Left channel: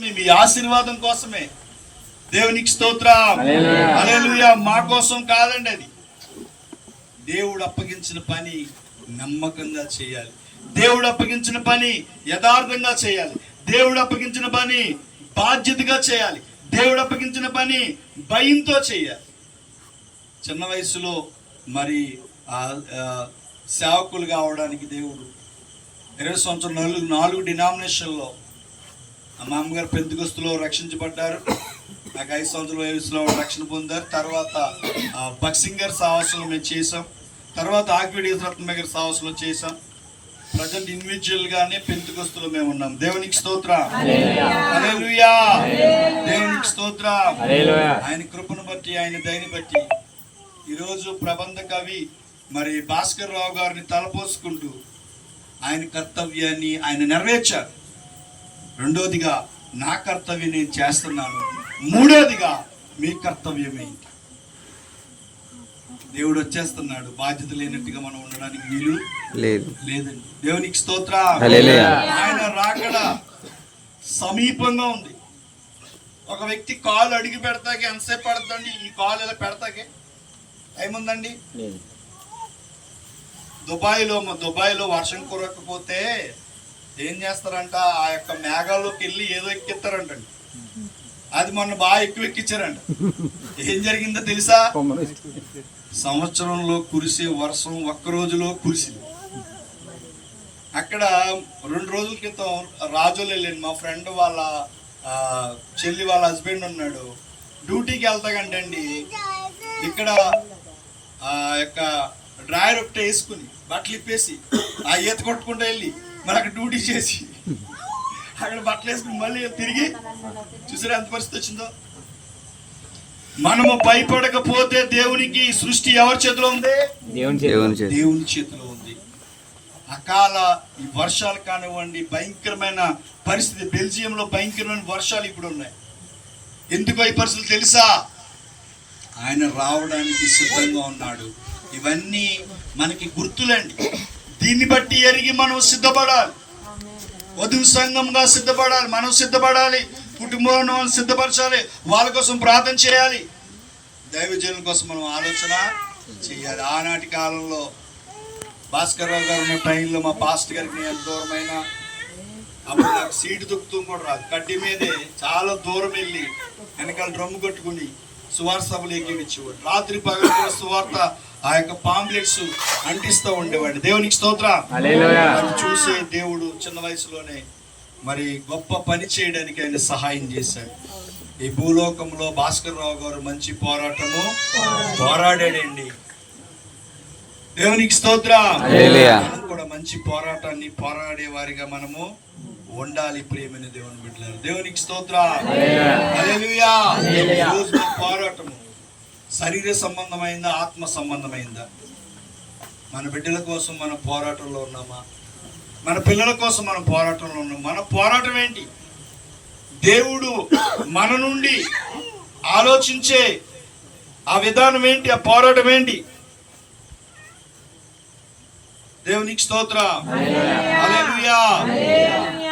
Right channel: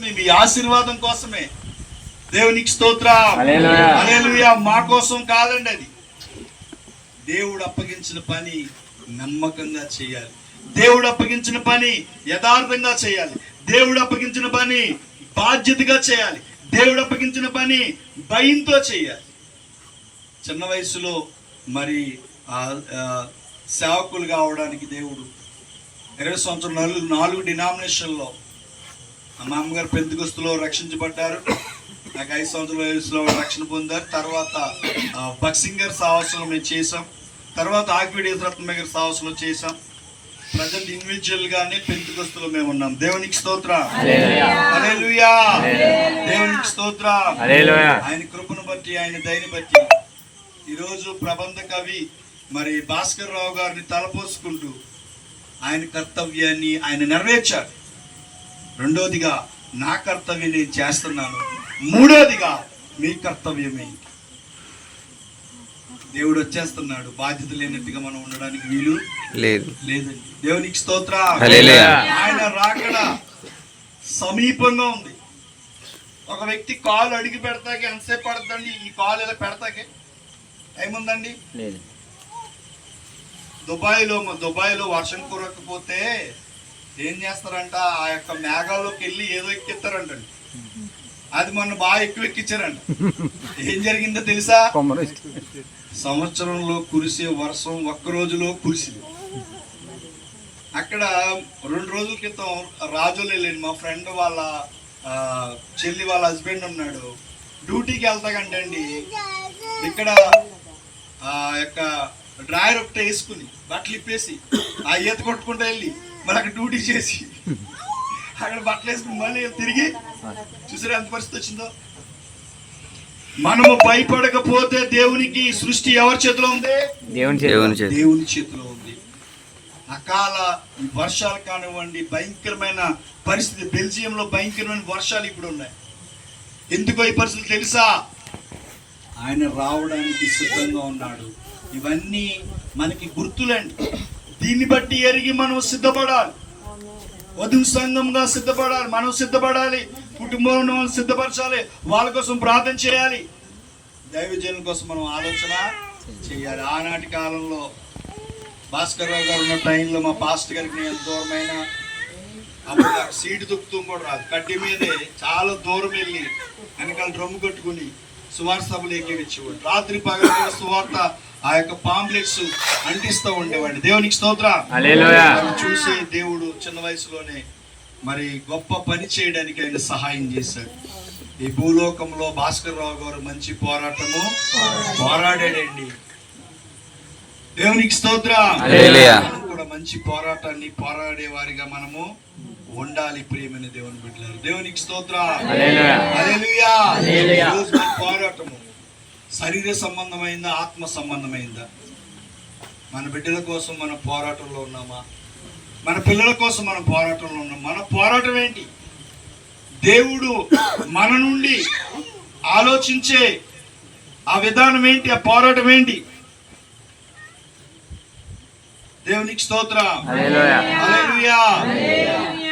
మీ ఆశీర్వాదం కోసమే. దేవునికి స్తోత్రం. మా కోసం కాదండి అది. దేవుడు అప్పగించిన పని నమ్మకంగా చేయాలి. దేవుడు అప్పగించిన పని యథార్థంగా చేయాలి. దేవుడు అప్పగించిన పని బాధ్యతగా చేయాలి. దేవుడు అప్పగించిన పని భయంతో చేయాలి. చిన్న వయసులో మరి సేవకులు కావడానికి దేవుడు ఇరవై సంవత్సరం నాలుగు నాలుగు డినామినేషన్లో మా అమ్మగారు పెంతుకొస్తులో రక్షించబడ్డారు. నాకు ఐదు సంవత్సరాల వయసులో రక్షణ పొందారు. తర్వాత బక్సింగర్ సాహసంలో మేము చేసాం తర్వాత ఆకివీడి రత్నమ్మ గారి సాహసంలో చేసాం ప్రజెంట్ ఇండివిజువల్ గానే పెంతుకొస్తులో మేము ఉన్నాం. దేవునికి స్తోత్ర. దేవునికి స్తోత్ర. ఆయన కృపను బట్టి ఆయన దయని బట్టి. ఈరోజు ప్రబంధ కవి మరి భాస్కర్ రావు గారిని తలపోసుకుంటూ ఆయన కర్తవ్యాన్ని ఆయన నెరవేర్చారు రెండోదిగా నా కర్తవ్యం నేను చేస్తున్నాను. మూడోదిగా మీ కర్తవ్యమేంటి దేవుడు వచ్చేస్తున్నాడు. బాధ్యత లేనట్టుగా మనం ఉండడానికి వీలు లేదు. లేదండి. దేవునికి స్తోత్ర. హల్లెలూయా. ఆయన రాకడ సమీపంగా ఉంది. ఒక వ్యక్తి కాలు అడిగి పెడతాకి ఎంతసేపు పడుతుందండి? ఈ కాలు ఇలా పెడతాకి? ఏముందండి? లేదు. దుబాయ్లో మ- దుబాయ్లో వర్షం కురకపోతే ఏం చేస్తారంట? ఆ యొక్క మేఘాల్లోకి వెళ్ళి ఏదో ఎక్కిస్తారంటండి. అది మొన్న బాగా ఎక్కువ ఎక్కించారంట ఏం జరిగిందో తెలుసా? సంవత్సరంలో కురిసే వర్షం ఒక్క రోజులో కురిసింది. అక్కడ రెండు రోజుల క్రితం రాజులు వెళ్ళండి మా ఫ్రెండ్ వాళ్ళ చెల్లి వాళ్ళ హస్బెండ్ ఉన్నాడు. డ్యూటీకి వెళ్తాకంటండి ఇక్కడ ఆ యొక్క డ్రాయర్ ఒకటి వేసుకుని బట్టలు ఇప్పేసి ఆ ఈత కొట్టుకుంటూ వెళ్ళి అక్కడ డ్యూటీ చేసి అక్కడ బట్టలు వేసుకుని మళ్ళీ తిరిగి చూసారా ఎంత పరిస్థితి వచ్చిందో? మనము భయపడకపోతే దేవునికి సృష్టి ఎవరి చేతిలో ఉంది? దేవుని దేవుని చేతిలో ఉంది. అకాల ఈ వర్షాలు కానివ్వండి భయంకరమైన పరిస్థితి. బెల్జియంలో భయంకరమైన వర్షాలు ఇప్పుడు ఉన్నాయి. ఎందుకో ఈ పరిస్థితులు తెలుసా? ఆయన రావడానికి సిద్ధంగా ఉన్నాడు. ఇవన్నీ మనకి గుర్తులండి. దీన్ని బట్టి ఎరిగి మనం సిద్ధపడాలి. వధువు సంఘంగా సిద్ధపడాలి. మనం సిద్ధపడాలి. కుటుంబం సిద్ధపరచాలి. వాళ్ళ కోసం ప్రార్థన చేయాలి. దైవజనుల కోసం మనం ఆలోచన చేయాలి. ఆనాటి కాలంలో భాస్కర్ రావు గారు ఉన్న ట్రైన్లో మా పాస్ట్ గారికి నేను దూరమైన అప్పుడు నాకు సీటు దుక్కుతూ కూడా రాదు. కడ్డీ మీదే చాలా దూరం వెళ్ళి వెనకాల డ్రమ్ము కట్టుకుని సువార్త సభలు ఎక్కించేవాడు రాత్రి పగలు కూడా సువార్త ఆ యొక్క పాంప్లెట్స్ అంటిస్తూ ఉండేవాడిని దేవునికి స్తోత్ర. హల్లెలూయా. చూసే దేవుడు చిన్న వయసులోనే మరి గొప్ప పని చేయడానికి ఆయన సహాయం చేశాడు. ఈ భూలోకంలో భాస్కర్ రావు గారు మంచి పోరాటము పోరాడాడండి. దేవునికి స్తోత్రం. మంచి పోరాటాన్ని పోరాడే వారిగా మనము ఉండాలి ప్రియమైన దేవుని బిడ్డలారు. దేవునికి స్తోత్రం పోరాటము శరీర సంబంధమైందా ఆత్మ సంబంధమైందా? మన బిడ్డల కోసం మన పోరాటంలో ఉన్నామా? మన పిల్లల కోసం మనం పోరాటంలో ఉన్నాం మన పోరాటం ఏంటి? దేవుడు మన నుండి ఆలోచించే ఆ విధానం ఏంటి? ఆ పోరాటం ఏంటి? దేవునికి స్తోత్ర. హల్లెలూయా.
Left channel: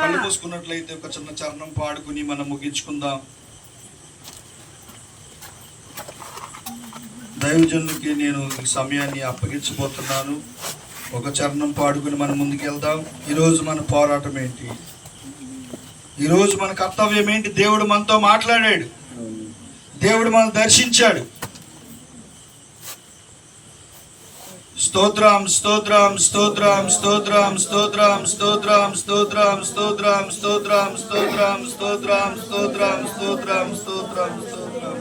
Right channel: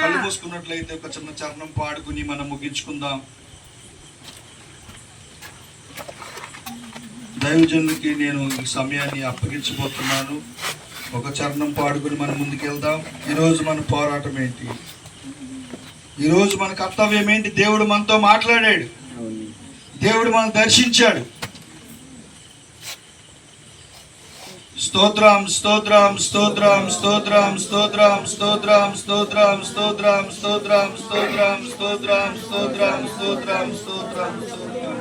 కళ్ళు మూసుకున్నట్లయితే ఒక చిన్న చరణం పాడుకుని మనం ముగించుకుందాం. దైవజనులకి నేను ఈ సమయాన్ని అప్పగించబోతున్నాను. ఒక చరణం పాడుకుని మనం ముందుకు వెళ్దాం. ఈరోజు మన పోరాటం ఏంటి? ఈరోజు మన కర్తవ్యం ఏంటి? దేవుడు మనతో మాట్లాడాడు. దేవుడు మనం దర్శించాడు. స్తోత్రం స్తోత్రం స్తోత్రం స్తోత్రం స్తోత్రం స్తోత్రం స్తోత్రం స్తోత్రం స్తోత్రం స్తోత్రం స్తోత్రం స్తోత్రం స్తోత్రం స్తోత్రం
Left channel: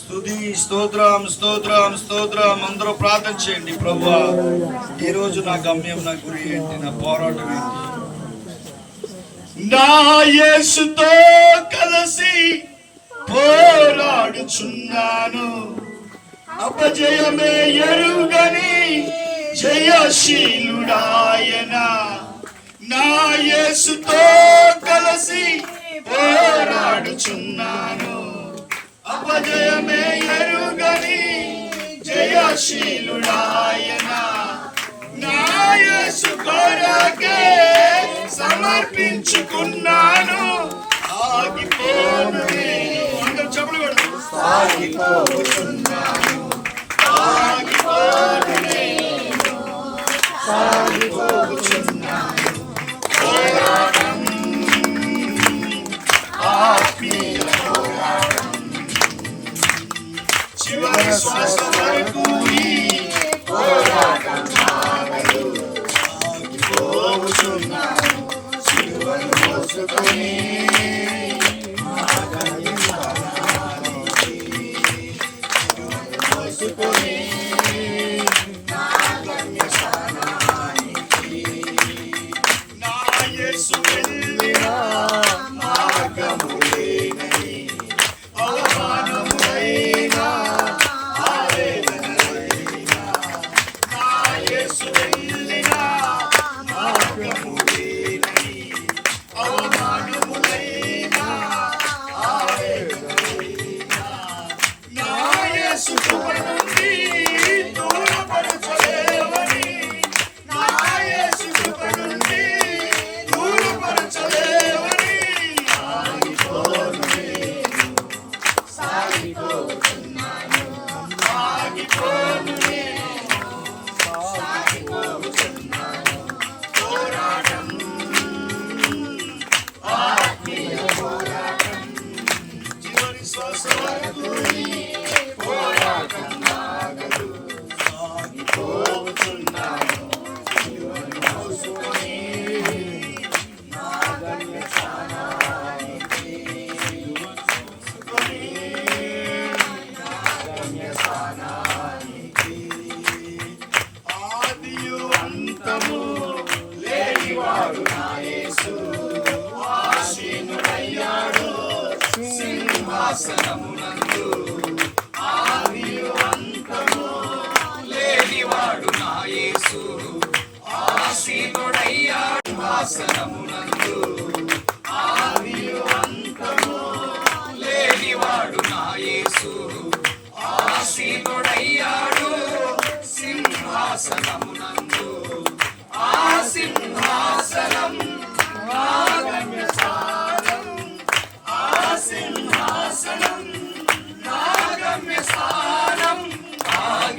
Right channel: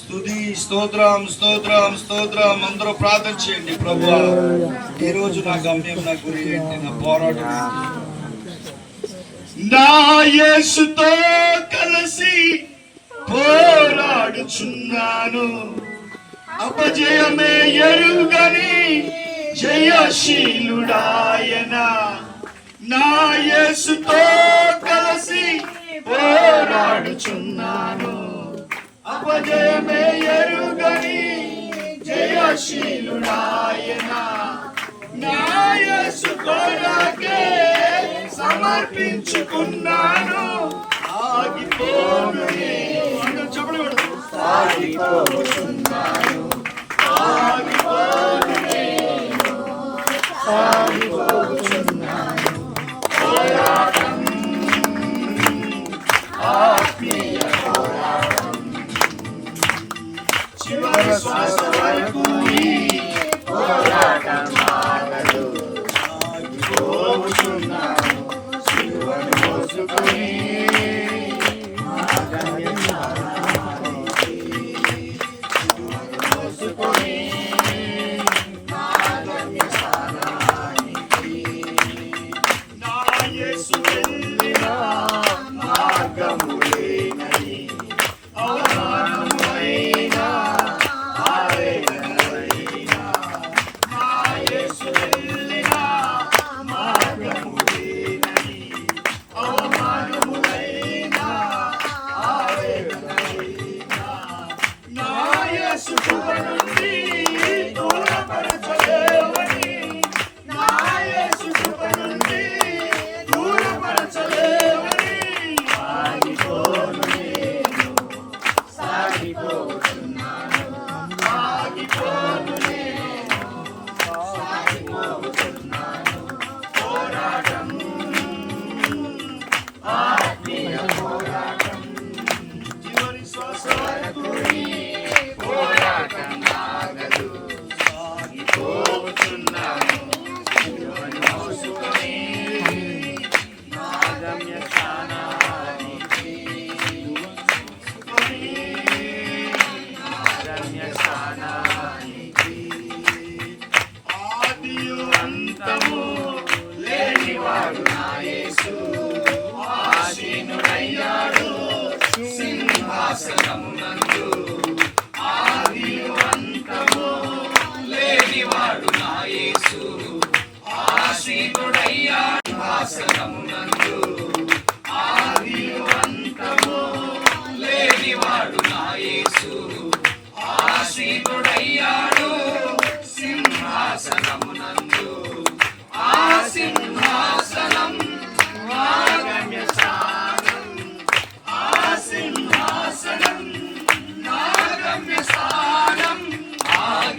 స్తుతి స్తోత్రం స్తోత్రం స్తోత్రం అందరూ ప్రార్థన చేయండి ప్రభు ఈ రోజు నా గమ్యం నా గురి ఏంటి నా పోరాటం ఏంటి నా యేసుతో కలిసి పోరాడుచున్నాను అపజయమే ఎరుగని జయశీలుడాయన. నా యేసుతో కలిసి పోరాడుచున్నాను. అపజయమే ఎరుగని జయశీలుడాయన. నా యేసు కొరకే సమర్పించుకున్నాను. ఆగిపోను అందరూ చెప్పడం శ్వాస వరకు ఈ సాగిపోతున్నాను. సిలువను మోసుకొని ఆగిపోను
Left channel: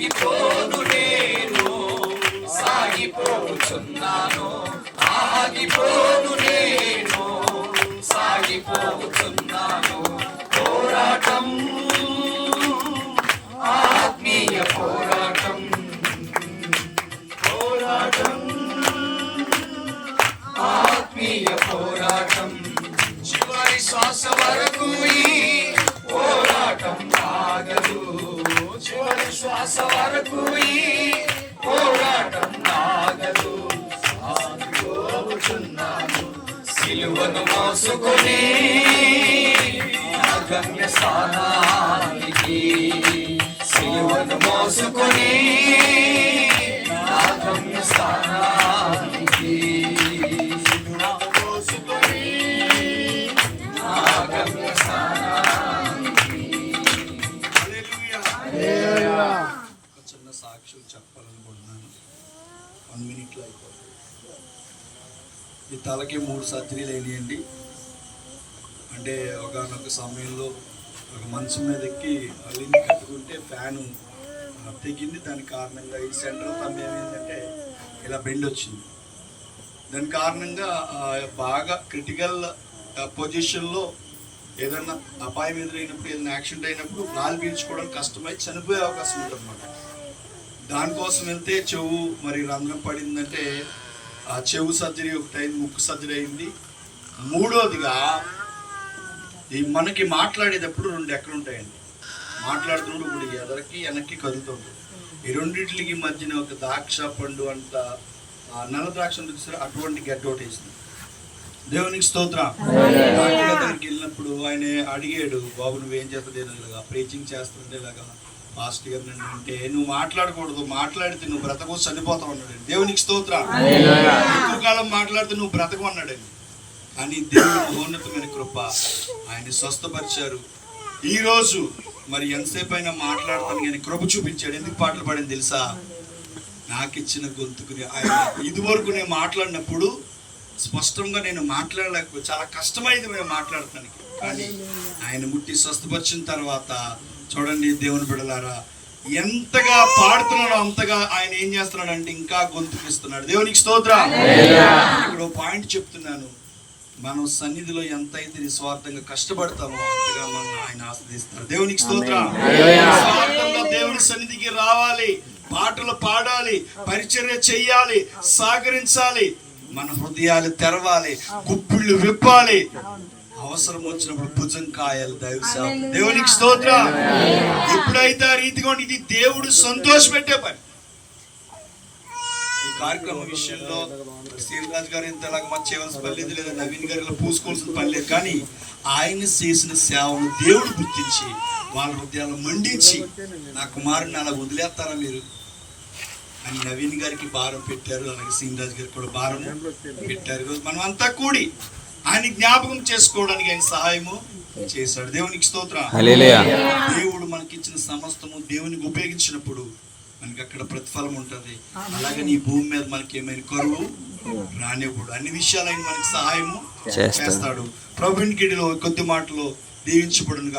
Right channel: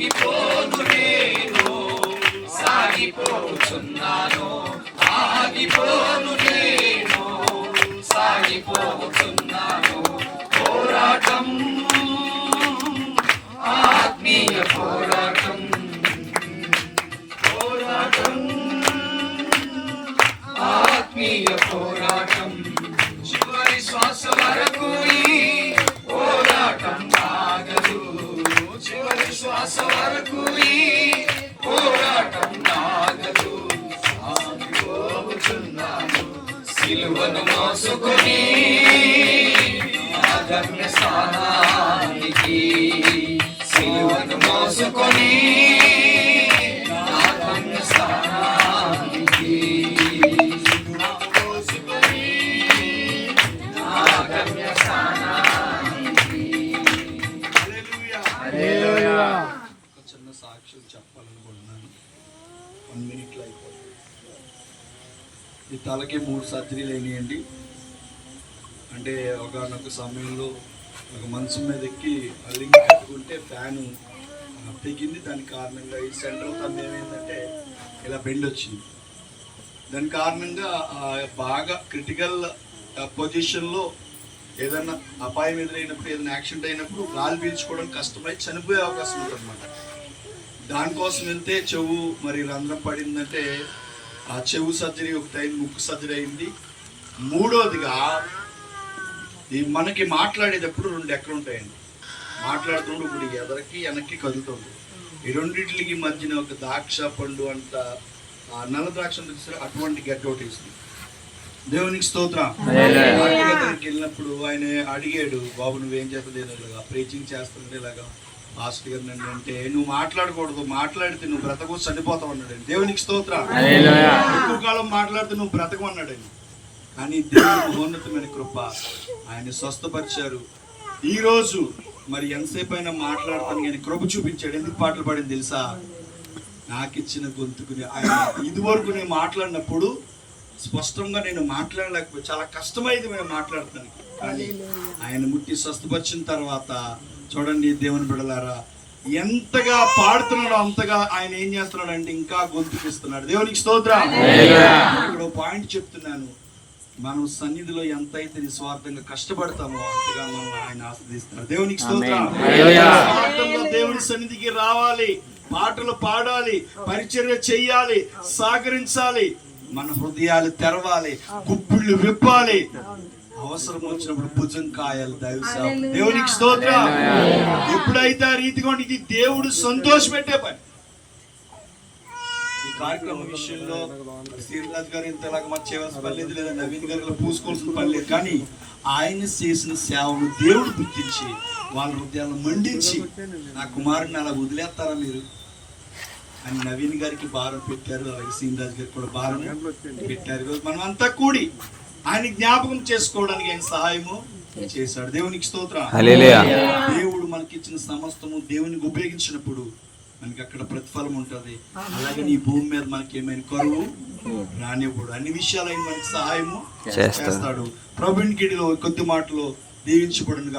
సాగిపోను నేను సాగిపోతున్నాను ఆగిపోను నేను సాగిపోతున్నాను ఈ మూడు సర్జరీలు అయినాయండి. అంటే ఒకనొక సమయంలో ఒక మంచం మీద ఎక్కి లింక్ కట్టుకుంటే ఫ్యాను తెగింది దాని కారణంగా ఈ సెంట్రల్ తమ్ ఏమైందంటే ఇలా బెండ్ వచ్చింది. దాని కారణంగా బాగా క్రిటికల్ పొజిషన్లో ఏదైనా అపాయం ఎదురైనప్పుడు ఏదైనా యాక్సిడెంట్ అయినప్పుడు గాలి పీల్చుకోవడం కష్టమై చనిపోయే అవకాశం ఉంటుంది దానికోసం వెళ్తే చెవు మరి రంధ్రం పడిందంటే ఆ చెవు సర్జరీ ఒకటి అయింది ముక్కు సర్జరీ అయింది. మూడోదిగా ఈ మనకి మాట్లాడేటప్పుడు రెండు ఎక్కడ ఉంటాయండి. మాట్లాడుతుంటే ఇప్పుడు ఎదరికి వెనక్కి కదులుతుంది ఈ రెండింటికి మధ్యన ఒక ద్రాక్ష పండు అంట ఆ నల్ల ద్రాక్ష చూసారా? అటువంటి గడ్డ ఒకటి వేసింది. దేవునికి స్తోత్రం. వెళ్ళినప్పుడు ఆయన అడిగాడు బాబు నువ్వేం చేస్తలేదు ఇలాగా ప్రీచింగ్ చేస్తుంది ఇలాగా. పాస్టర్ గారు అంటే నువ్వు మాట్లాడకూడదు మాట్లాడితే నువ్వు బ్రతకు చనిపోతావు అన్నాడు దేవునికి స్తోత్రం. ఎక్కువ కాలం మాట్లాడితే నువ్వు బ్రతకు అన్నాడండి. కానీ దేవుని మహోన్నతమైన కృప ఆయన స్వస్థపరిచారు. ఈ రోజు మరి ఎంతసేపు అయినా మాట్లాడతాను కానీ కృప చూపించాడు. ఎందుకు పాటలు పాడింది తెలుసా? నాకు ఇచ్చిన గొంతుకుని ఆయన ఇదివరకు నేను మాట్లాడినప్పుడు స్పష్టంగా నేను మాట్లాడలేకపోతే చాలా కష్టమైంది మేము మాట్లాడటానికి. కానీ ఆయన ముట్టి స్వస్థపరిచిన తర్వాత చూడండి దేవుని బిడలారా ఎంతగా పాడుతున్నాడో అంతగా ఆయన ఏం చేస్తున్నాడు అంటే ఇంకా గొంతుకిస్తున్నాడు. దేవునికి స్తోత్రం. ఇక్కడ పాయింట్ చెప్తున్నాను. మనం సన్నిధిలో ఎంత అయితే నిస్వార్థంగా కష్టపడతామో అంతగా మనం ఆయన ఆస్వాదిస్తారు. దేవునికి స్తోత్రం. దేవుని సన్నిధికి రావాలి. పాటలు పాడాలి. పరిచర్య చెయ్యాలి. సహకరించాలి మన హృదయాలు తెరవాలి. గుప్పిళ్ళు విప్పాలి. అవసరం వచ్చినప్పుడు భుజం కాయాలి దైవ. దేవునికి స్తోత్రం. ఎప్పుడైతే ఆ రీతిగా ఇది దేవుడు సంతోషపెట్టే పని. ఈ కార్యక్రమం విషయంలో శ్రీరాజ్ గారు ఇంతలాగా మచ్చ చేయవలసిన పని లేదు లేదా నవీన్ గారు ఇలా పూసుకోవాల్సిన పని లేదు. కానీ ఆయన చేసిన సేవను దేవుడు గుర్తించి వాళ్ళ హృదయాలను మండించి నా కుమారుని అలా వదిలేస్తారా మీరు? అని నవీన్ గారికి భారం పెట్టారు అలాగే శ్రీరాజ్ గారికి కూడా భారం పెట్టారు. మనం అంతా కూడి ఆయన జ్ఞాపకం చేసుకోవడానికి ఆయన సహాయము చేశాడు. దేవునికి స్తోత్రం. దేవుడు మనకిచ్చిన సమస్తము దేవునికి ఉపయోగించినప్పుడు మనకి అక్కడ ప్రతిఫలం ఉంటది. అలాగే నీ భూమి మీద మనకి ఏమైనా కరువు రానివ్వడు. అన్ని విషయాలు ఆయన మనకి సహాయము చేస్తాడు. చేస్తాడు. ప్రభుని కిడిలో కొద్ది మాటలో దీవించబడును